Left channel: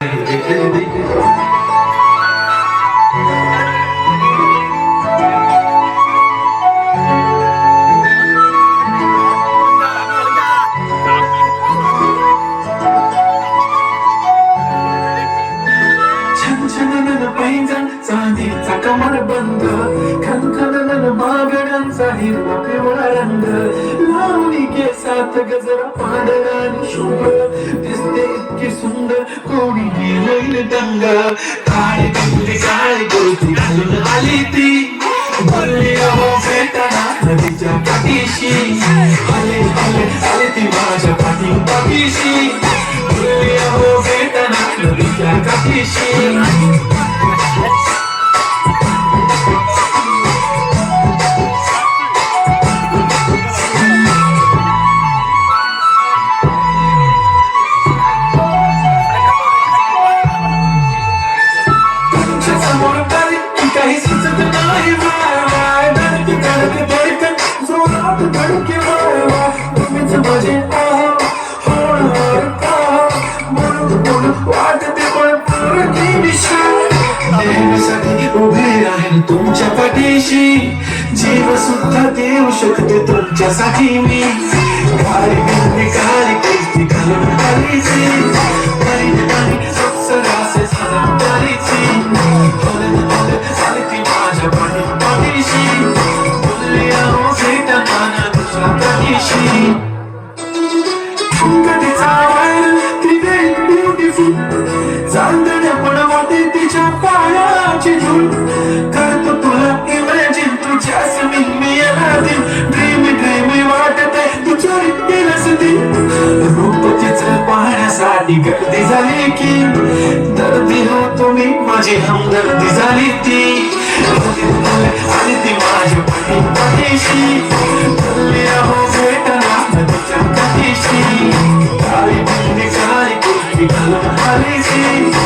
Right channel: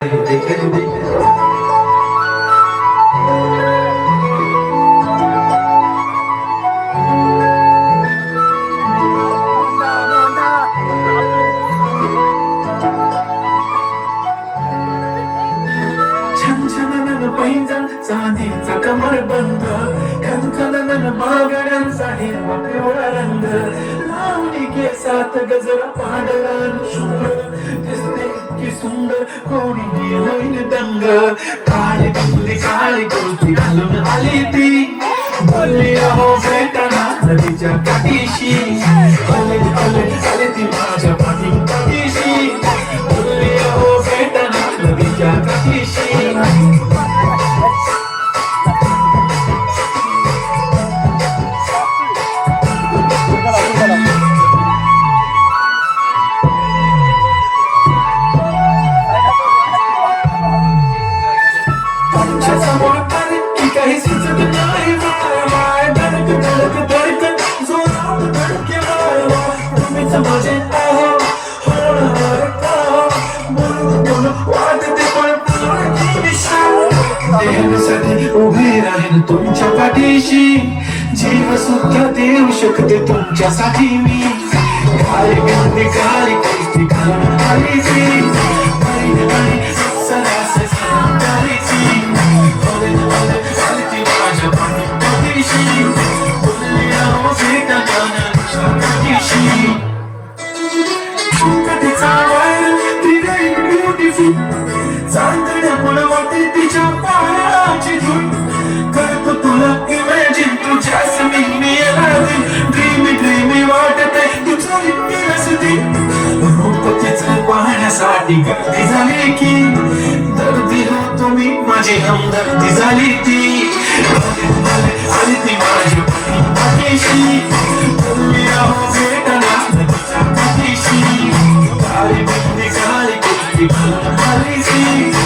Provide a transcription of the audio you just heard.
छनछनन पैंजण चांदीचा कमरबंद, खनखनन मागण्यांचा हिरवा पिवळा रंग, लावणी केसात गजरा पांढरा आणि शुभ्र, दिसते इतकी सुंदर कोणी गेलेल दंग. काळी बंगली काळी कुर्ती घालून आली ती, बोलली अहो भेटना नदीच्या काठीशी, आले आले आले ती माझ्या पाठीशी, बोलली अहो भेटना नदीच्या काठीशी. समोर आली की काही सुचत नाही मला, धडकी धडक धडकन जोरात धडकी वाढवा, तुम्हीच माझे आहा हळूहळू आहा, म्हणून म्हणून वाटते पण पुढे दिशा, देण्यासाठी उभे राहील तुमच्या पाठीशी, जीव सुद्धा देऊ शकते तुमच्यासाठी मी. काळी बिंदी काळी कैसी घालून आली ती, काळी काळी अप्सरास सजून आली ती, पाहण्यासाठी गर्दी झाली की दर्दी हो तुम्ही माझी हमदर्दी झाली ती, आली ती माझी पाठीशी, बोलली अहो भेटना नदीच्या काठीशी, काळी बंदी काळी कुर्ती घालून आली ती.